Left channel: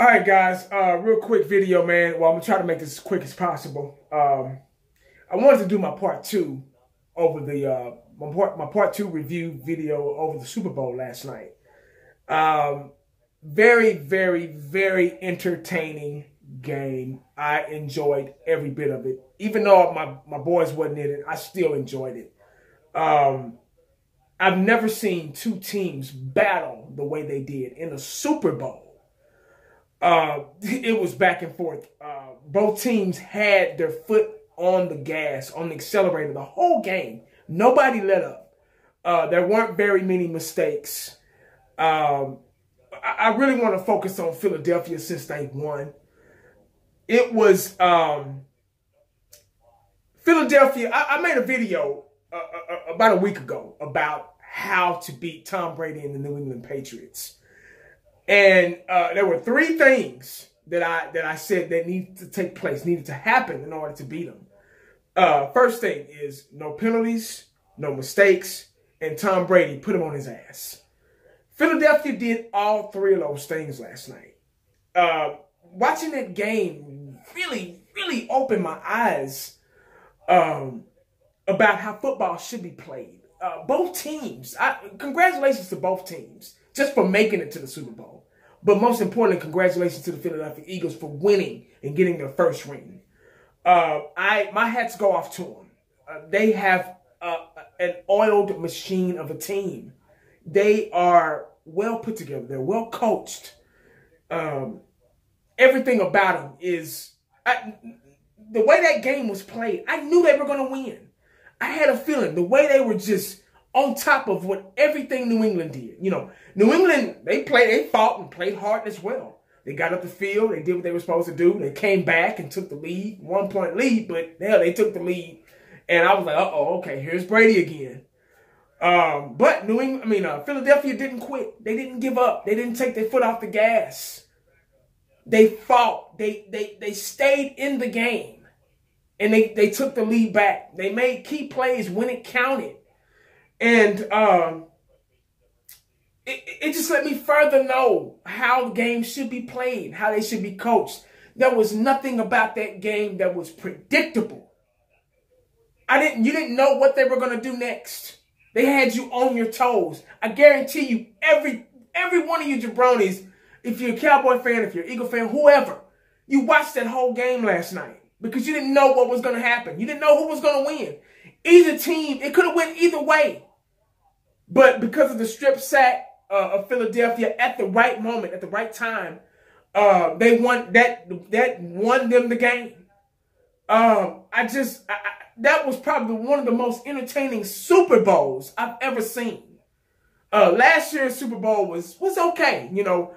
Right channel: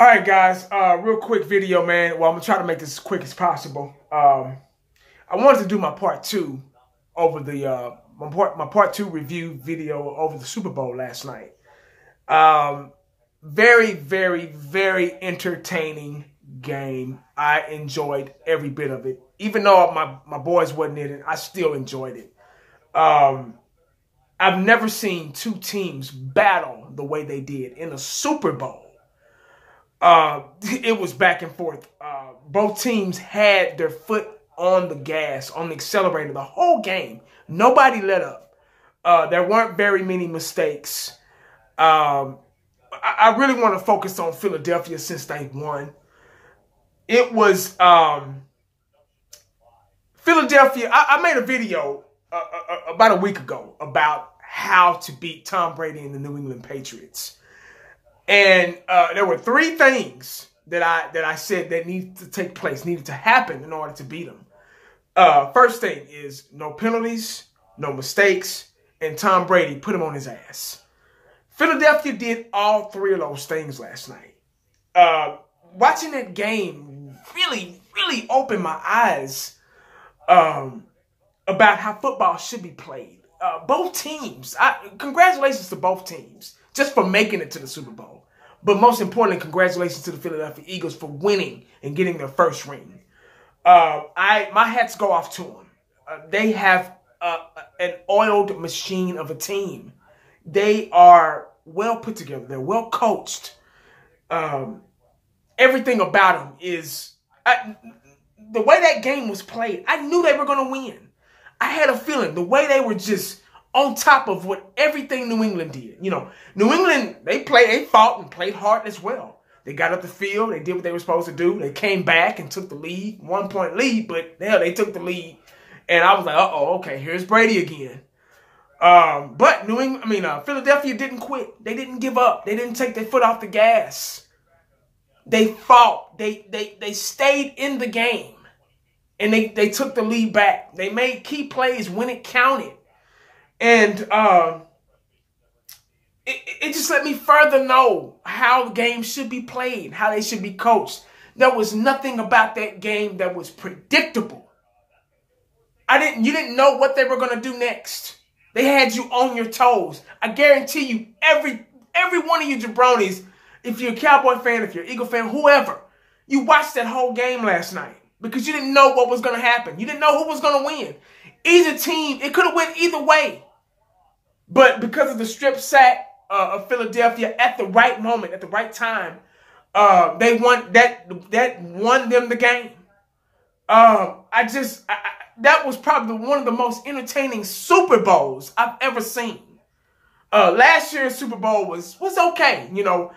All right, guys. Real quick video, man. Well, I'm gonna try to make this as quick as possible. I wanted to do my part two over the my part two review video over the Super Bowl last night. Very, very, very entertaining game. I enjoyed every bit of it. Even though my boys wasn't in it, I still enjoyed it. I've never seen two teams battle the way they did in a Super Bowl. It was back and forth. Both teams had their foot on the gas, on the accelerator the whole game. Nobody let up. There weren't very many mistakes. I really want to focus on Philadelphia since they won. It was Philadelphia. I made a video about a week ago about how to beat Tom Brady and the New England Patriots. And there were three things that I said that needed to take place, needed to happen in order to beat them. First thing is no penalties, no mistakes, and Tom Brady put him on his ass. Philadelphia did all three of those things last night. Watching that game really, really opened my eyes about how football should be played. Both teams, congratulations to both teams just for making it to the Super Bowl. But most importantly, congratulations to the Philadelphia Eagles for winning and getting their first ring. My hats go off to them. They have an oiled machine of a team. They are well put together. They're well coached. Everything about them is... the way that game was played, I knew they were going to win. I had a feeling the way they were just on top of what everything New England did. You know, New England, they fought and played hard as well. They got up the field. They did what they were supposed to do. They came back and took the lead, 1 point lead, but hell, they took the lead. And I was like, uh-oh, okay, here's Brady again. But Philadelphia didn't quit. They didn't give up. They didn't take their foot off the gas. They fought. They stayed in the game. And they took the lead back. They made key plays when it counted. And it just let me further know how games should be played, how they should be coached. There was nothing about that game that was predictable. You didn't know what they were going to do next. They had you on your toes. I guarantee you, every one of you jabronis, if you're a Cowboy fan, if you're an Eagle fan, whoever, you watched that whole game last night because you didn't know what was going to happen. You didn't know who was going to win. Either team, it could have went either way. But because of the strip sack of Philadelphia at the right moment, at the right time, they won. That won them the game. That was probably one of the most entertaining Super Bowls I've ever seen. Last year's Super Bowl was okay. You know,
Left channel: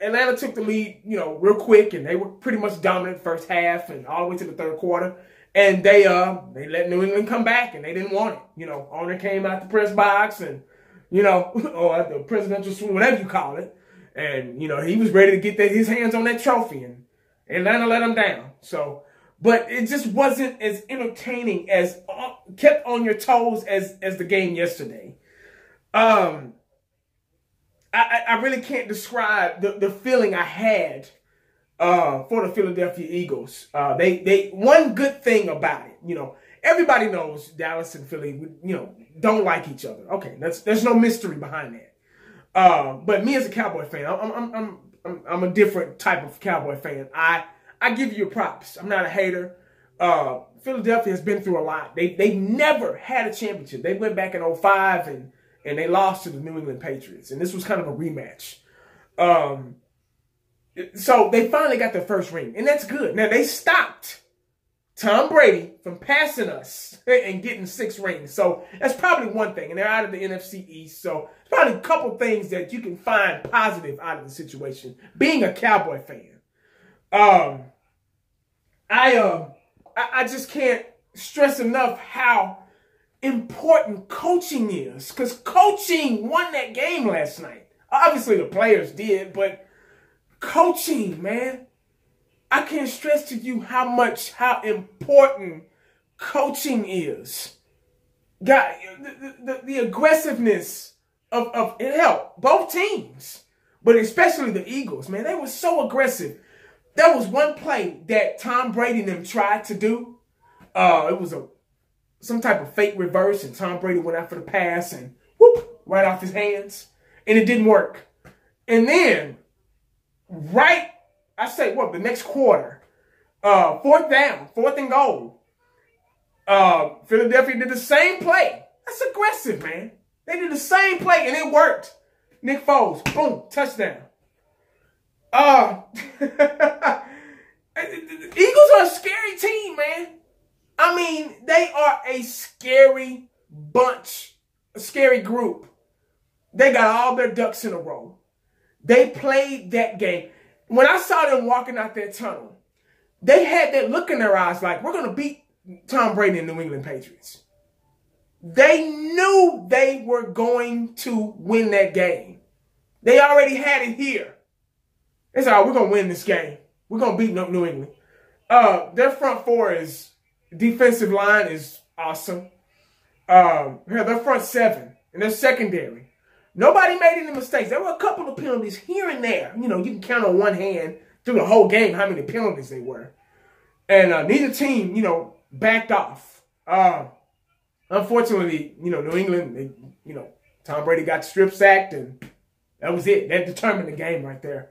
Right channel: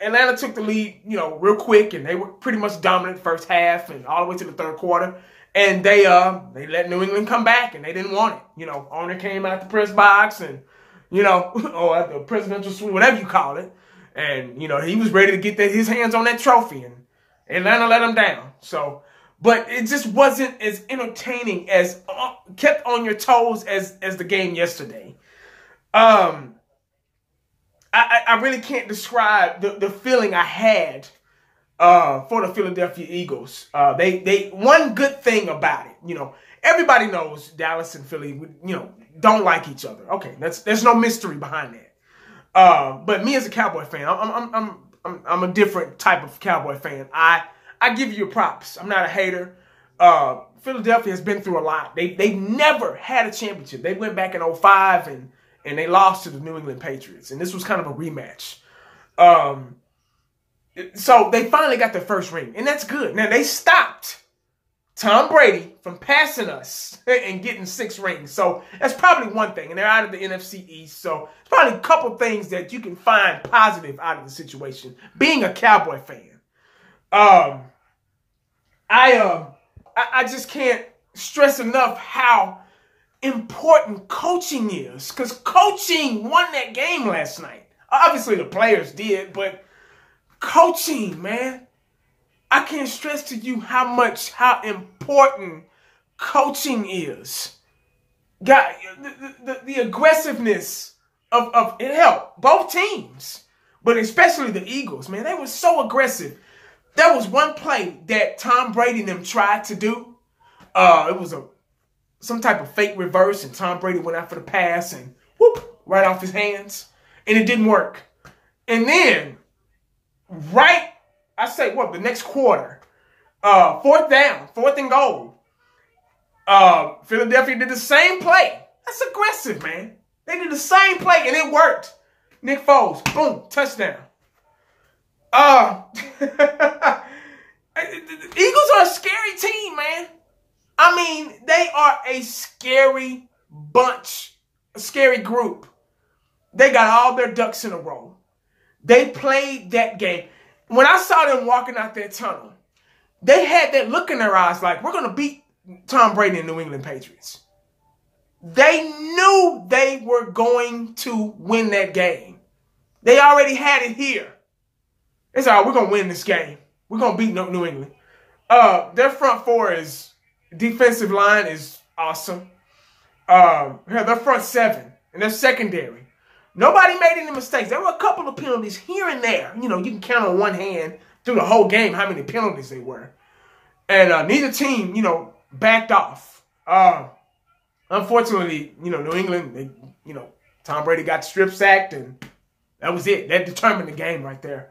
Atlanta took the lead, you know, real quick, and they were pretty much dominant first half and all the way to the third quarter. And they let New England come back, and they didn't want it. You know, owner came out the press box and, you know, or at the presidential suite, whatever you call it. And, you know, he was ready to get his hands on that trophy, and Atlanta let him down. So, but it just wasn't as entertaining as kept on your toes as the game yesterday. I really can't describe the feeling I had for the Philadelphia Eagles. They one good thing about it, you know, everybody knows Dallas and Philly, you know, don't like each other. Okay, there's no mystery behind that. But me as a Cowboy fan, I'm a different type of Cowboy fan. I give you your props. I'm not a hater. Philadelphia has been through a lot. They've never had a championship. They went back in 2005 and they lost to the New England Patriots, and this was kind of a rematch. So they finally got their first ring, and that's good. Now, they stopped Tom Brady from passing us and getting 6 rings. So that's probably one thing, and they're out of the NFC East. So it's probably a couple things that you can find positive out of the situation, being a Cowboy fan. I just can't stress enough how important coaching is, because coaching won that game last night. Obviously, the players did, but coaching, man. I can't stress to you how important coaching is. God, the aggressiveness of it helped both teams. but especially the Eagles, man, they were so aggressive. There was one play that Tom Brady and them tried to do. It was some type of fake reverse, and Tom Brady went out for the pass and whoop, right off his hands, and it didn't work. And then, the next quarter, fourth and goal, Philadelphia did the same play. That's aggressive, man. They did the same play, and it worked. Nick Foles, boom, touchdown. The Eagles are a scary team, man. I mean, they are a scary bunch, a scary group. They got all their ducks in a row. They played that game. When I saw them walking out that tunnel, they had that look in their eyes like, we're going to beat Tom Brady and New England Patriots. They knew they were going to win that game. They already had it here. They said, we're going to win this game. We're going to beat New England. Their front four defensive line is awesome. Their front seven and their secondary. Nobody made any mistakes. There were a couple of penalties here and there. You know, you can count on one hand through the whole game how many penalties they were. And neither team, backed off. Unfortunately, New England, Tom Brady got strip sacked, and that was it. That determined the game right there.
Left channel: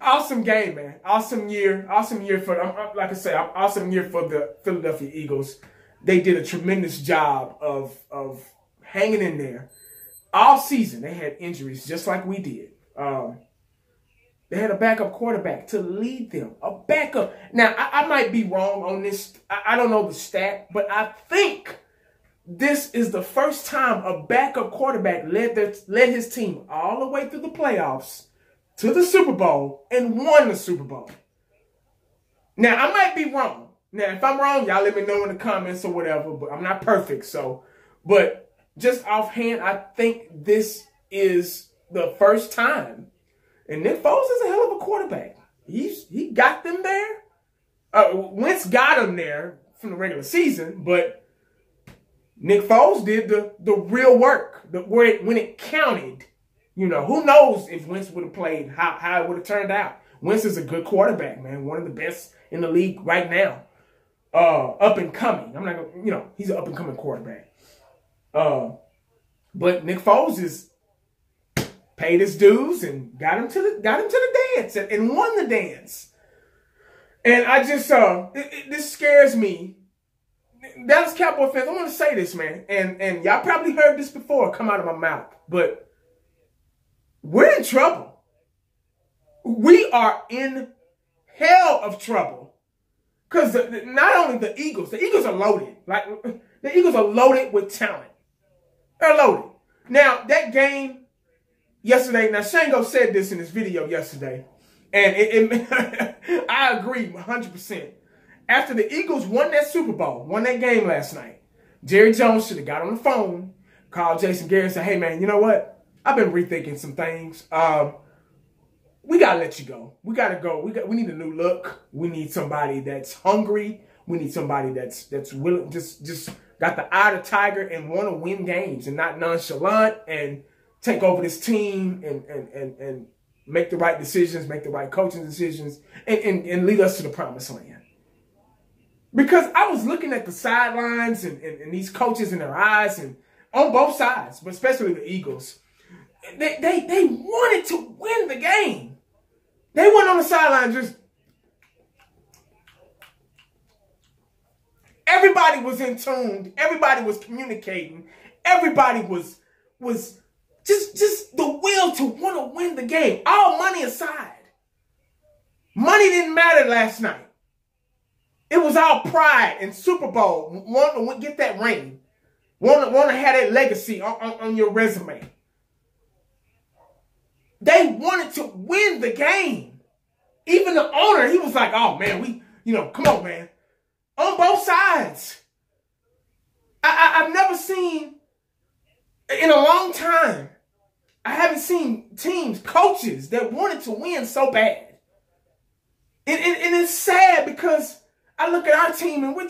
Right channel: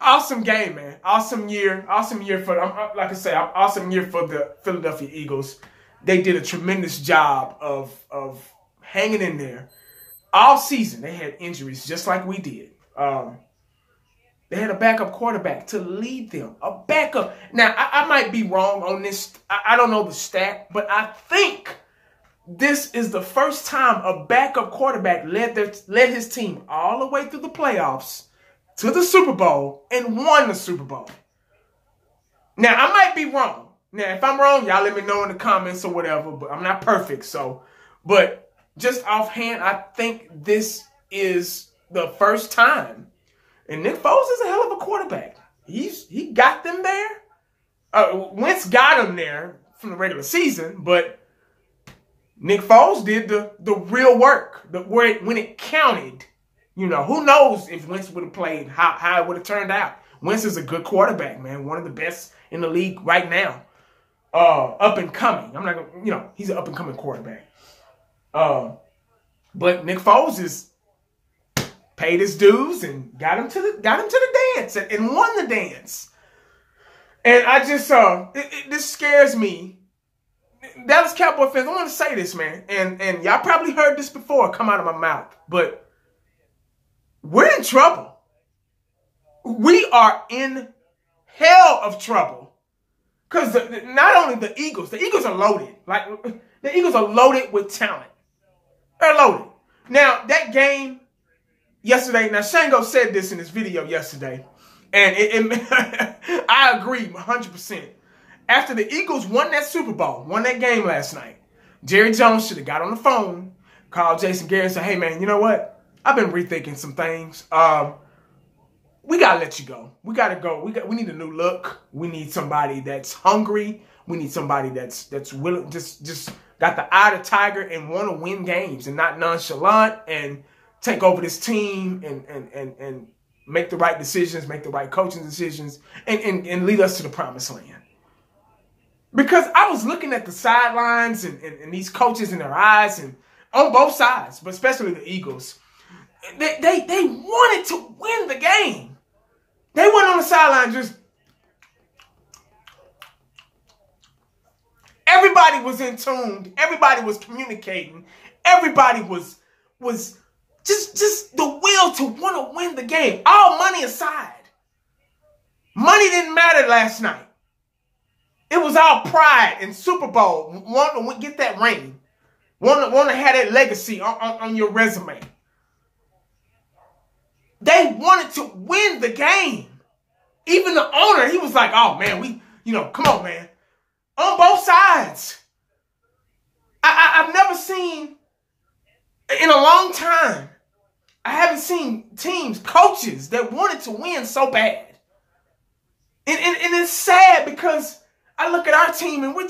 Awesome game, man. Awesome year for, like I say, awesome year for the Philadelphia Eagles. They did a tremendous job of hanging in there all season. They had injuries just like we did. They had a backup quarterback to lead them. A backup. Now, I might be wrong on this. I don't know the stat, but I think this is the first time a backup quarterback led his team all the way through the playoffs to the Super Bowl and won the Super Bowl. Now, I might be wrong. Now, if I'm wrong, y'all let me know in the comments or whatever, but I'm not perfect. But just offhand, I think this is the first time. And Nick Foles is a hell of a quarterback. He got them there. Wentz got him there from the regular season, but Nick Foles did the real work, when it counted. Who knows if Wentz would have played, how it would have turned out. Wentz is a good quarterback, man. One of the best in the league right now. Up and coming. I'm not gonna, he's an up and coming quarterback. But Nick Foles is paid his dues and got him to the dance and won the dance. And I just this scares me. Dallas Cowboy fans, I want to say this, man, and y'all probably heard this before come out of my mouth, but we're in trouble. We are in hell of trouble. Because not only the Eagles are loaded. Like, the Eagles are loaded with talent. They're loaded. Now, that game yesterday, now Shango said this in his video yesterday, and I agree 100%. After the Eagles won that Super Bowl, won that game last night, Jerry Jones should have got on the phone, called Jason Garrett and said, hey, man, you know what? I've been rethinking some things. We got to let you go. We got to go. We need a new look. We need somebody that's hungry. We need somebody that's willing, just got the eye of the tiger and want to win games and not nonchalant and take over this team and make the right decisions, make the right coaching decisions, and lead us to the promised land. Because I was looking at the sidelines and these coaches in their eyes, and on both sides, but especially the Eagles, they wanted to win the game. They went on the sideline just... Everybody was in tune. Everybody was communicating. Everybody was just the will to want to win the game. All money aside. Money didn't matter last night. It was all pride and Super Bowl. Want to get that ring. Want to have that legacy on your resume. They wanted to win the game. Even the owner, he was like, oh, man, come on, man. On both sides. I've never seen, in a long time, I haven't seen teams, coaches that wanted to win so bad. And it's sad because I look at our team and we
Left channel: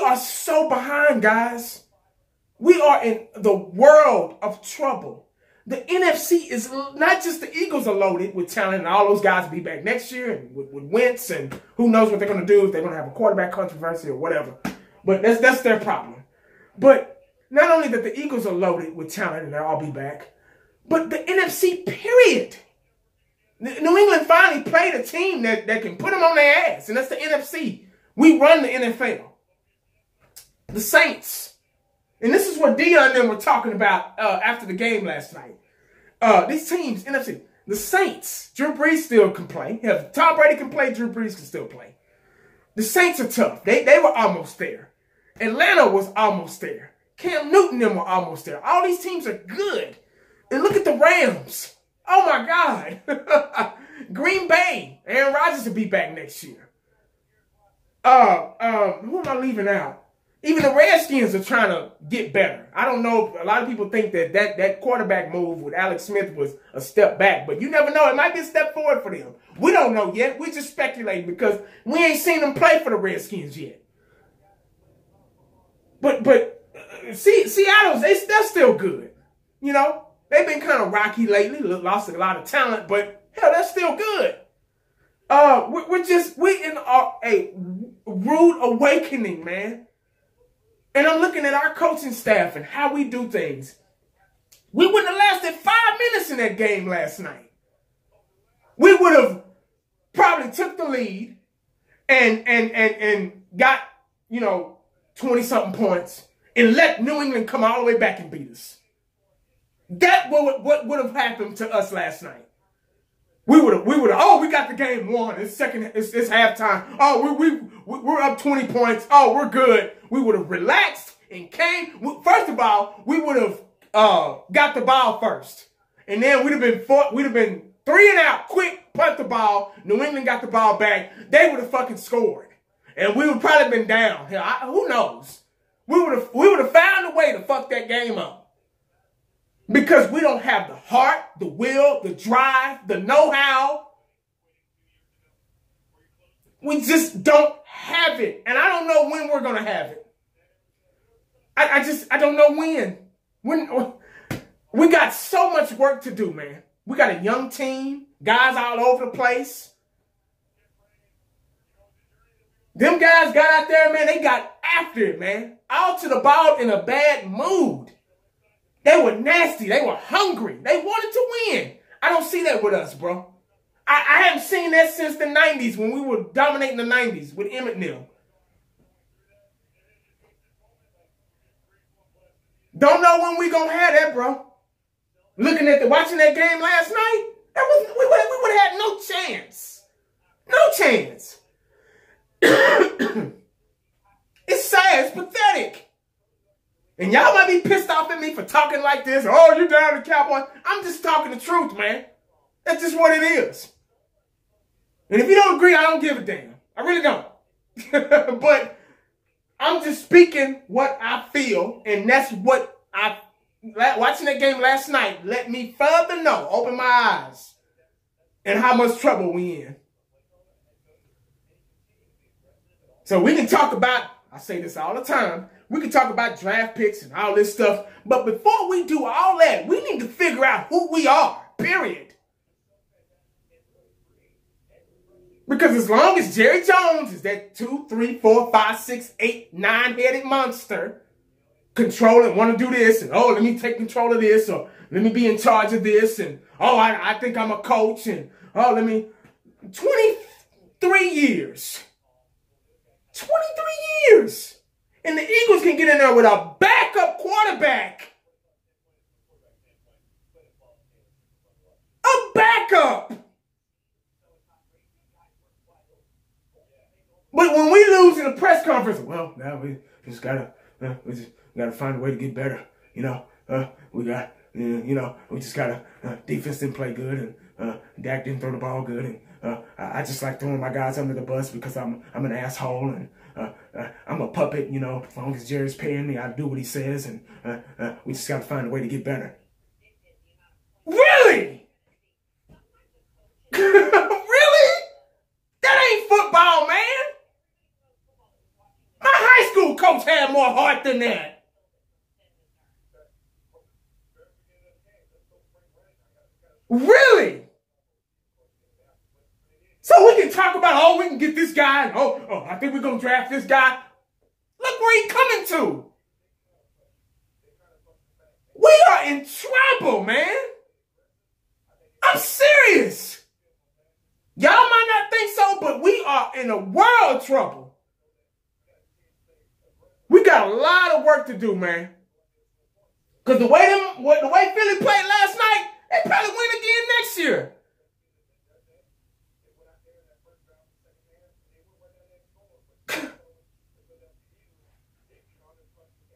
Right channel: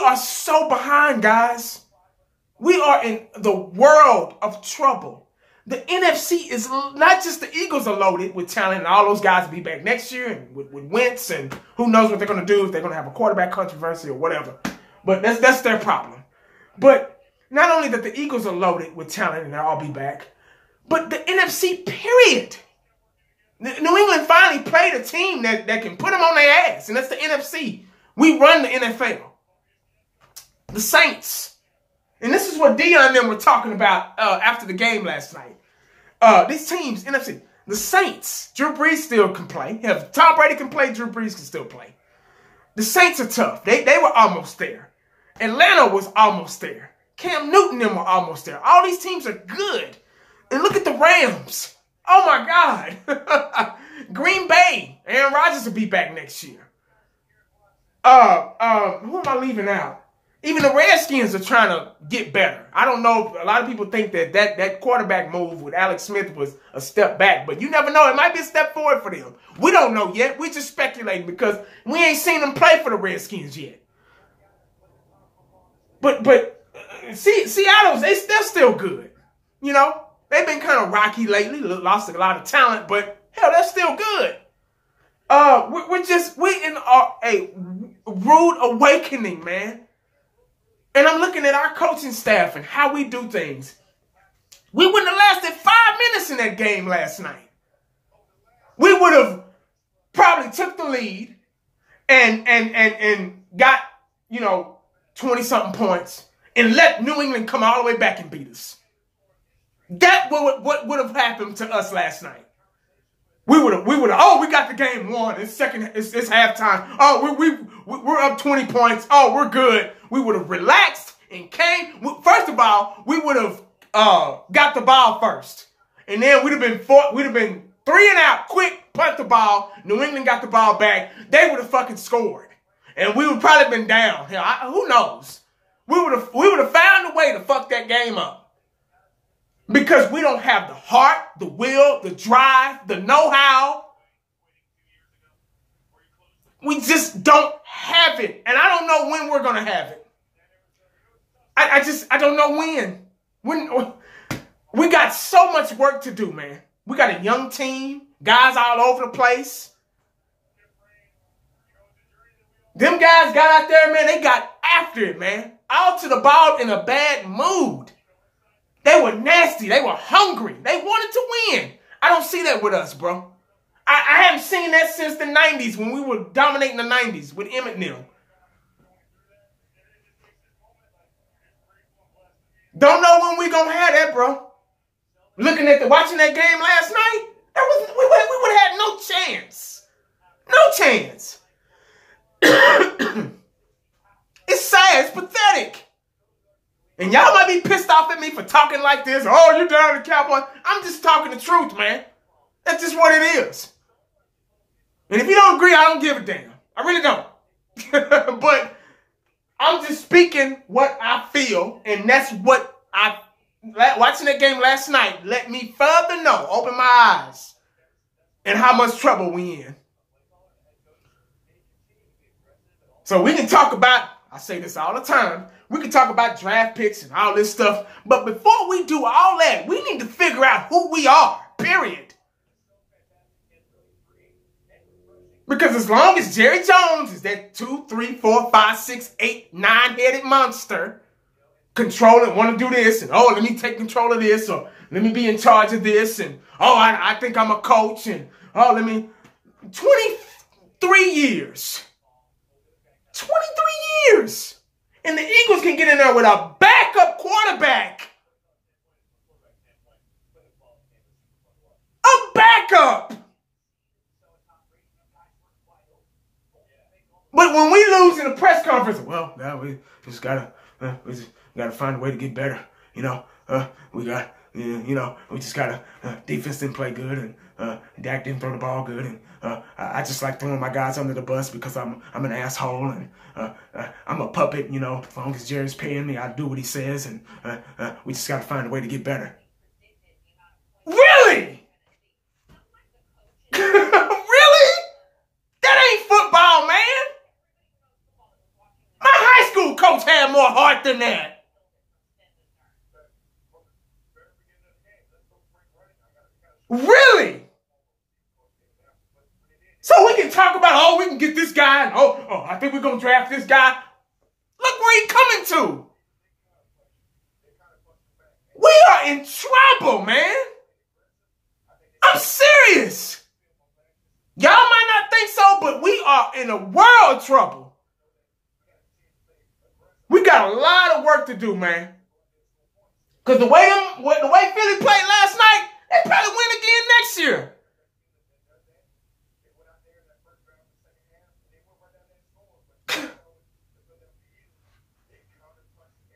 are so behind, guys. We are in the world of trouble. The NFC is not just the Eagles are loaded with talent, and all those guys will be back next year and with Wentz, and who knows what they're going to do, if they're going to have a quarterback controversy or whatever. But that's their problem. But not only that the Eagles are loaded with talent and they'll all be back, but the NFC, period. New England finally played a team that can put them on their ass, and that's the NFC. We run the NFL. The Saints. And this is what Dion and them were talking about after the game last night. These teams, NFC, the Saints, Drew Brees still can play. If Tom Brady can play, Drew Brees can still play. The Saints are tough. They were almost there. Atlanta was almost there. Cam Newton and them were almost there. All these teams are good. And look at the Rams. Oh, my God. Green Bay. Aaron Rodgers will be back next year. Who am I leaving out? Even the Redskins are trying to get better. I don't know. A lot of people think that quarterback move with Alex Smith was a step back. But you never know. It might be a step forward for them. We don't know yet. We're just speculating because we ain't seen them play for the Redskins yet. But Seattle's, they're still good. You know, they've been kind of rocky lately. Lost a lot of talent. But, hell, they're still good. We're in a rude awakening, man. And I'm looking at our coaching staff and how we do things. We wouldn't have lasted 5 minutes in that game last night. We would have probably took the lead and got, 20-something points and let New England come all the way back and beat us. That what would have happened to us last night. We would have, we got the game won. It's halftime. Oh, we're up 20 points. Oh, we're good. We would have relaxed and came. First of all, we would have got the ball first. And then we'd have been 3 and out, quick, punt the ball. New England got the ball back. They would have fucking scored. And we would probably been down. Hell, who knows? We would have found a way to fuck that game up. Because we don't have the heart, the will, the drive, the know-how. We just don't have it. And I don't know when we're going to have it. I don't know when. We got so much work to do, man. We got a young team, guys all over the place. Them guys got out there, man. They got after it, man. Out to the ball in a bad mood. They were nasty. They were hungry. They wanted to win. I don't see that with us, bro. I haven't seen that since the 90s when we were dominating the 90s with Emmett Neal. Don't know when we gonna have that, bro. Watching that game last night, we would have had no chance. No chance. It's sad. It's pathetic. And y'all might be pissed off at me for talking like this. Oh, you're down the Cowboys. I'm just talking the truth, man. That's just what it is. And if you don't agree, I don't give a damn. I really don't. But I'm just speaking what I feel. And that's what watching that game last night let me further know, open my eyes, and how much trouble we in. So we can talk about, I say this all the time, we can talk about draft picks and all this stuff. But before we do all that, we need to figure out who we are, period. Because as long as Jerry Jones is that 2, 3, 4, 5, 6, 8, 9-headed monster, controlling, want to do this, and let me take control of this, or let me be in charge of this, and I think I'm a coach, and 23 years. 23 years. And the Eagles can get in there with a backup quarterback. A backup. But when we lose in a press conference, well, now we just gotta find a way to get better. We just gotta defense didn't play good, and Dak didn't throw the ball good, and I just like throwing my guys under the bus because I'm an asshole, and I'm a puppet. As long as Jerry's paying me, I do what he says, and we just gotta find a way to get better. Really? Really? That ain't football, man. My high school coach had more heart than that. Really? So we can talk about, oh, we can get this guy, and oh, I think we're going to draft this guy. Look where he's coming to. We are in trouble, man. I'm serious. Y'all might not think so, but we are in a world of trouble. We got a lot of work to do, man. Because the way Philly played last night, they probably win again next year.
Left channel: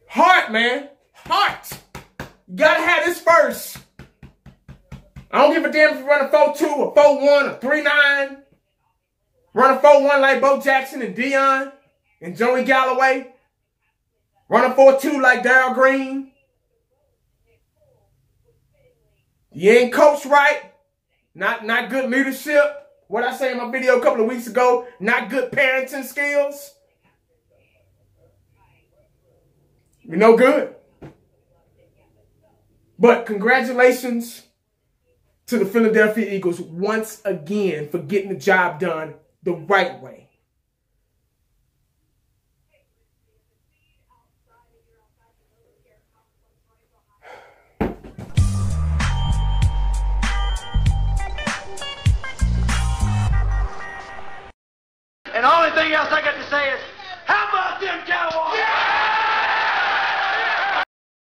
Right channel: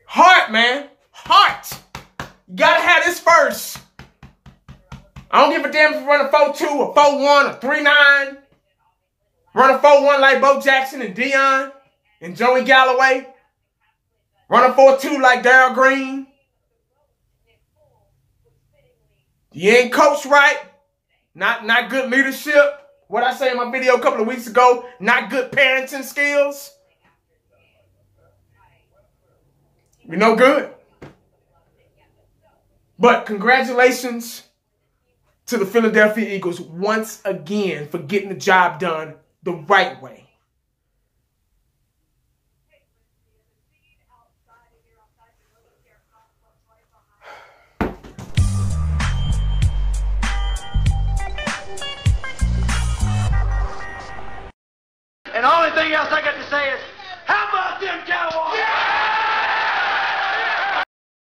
Heart, man. Heart. You gotta have this first. I don't give a damn if you run a 4-2 or 4-1 or 3-9. Run a 4-1 like Bo Jackson and Dion and Joey Galloway. Run a 4-2 like Darryl Green. You ain't coached right. Not good leadership. What I say in my video a couple of weeks ago, not good parenting skills. You're no good. But congratulations to the Philadelphia Eagles once again for getting the job done the right way. And the only thing else I got to say is,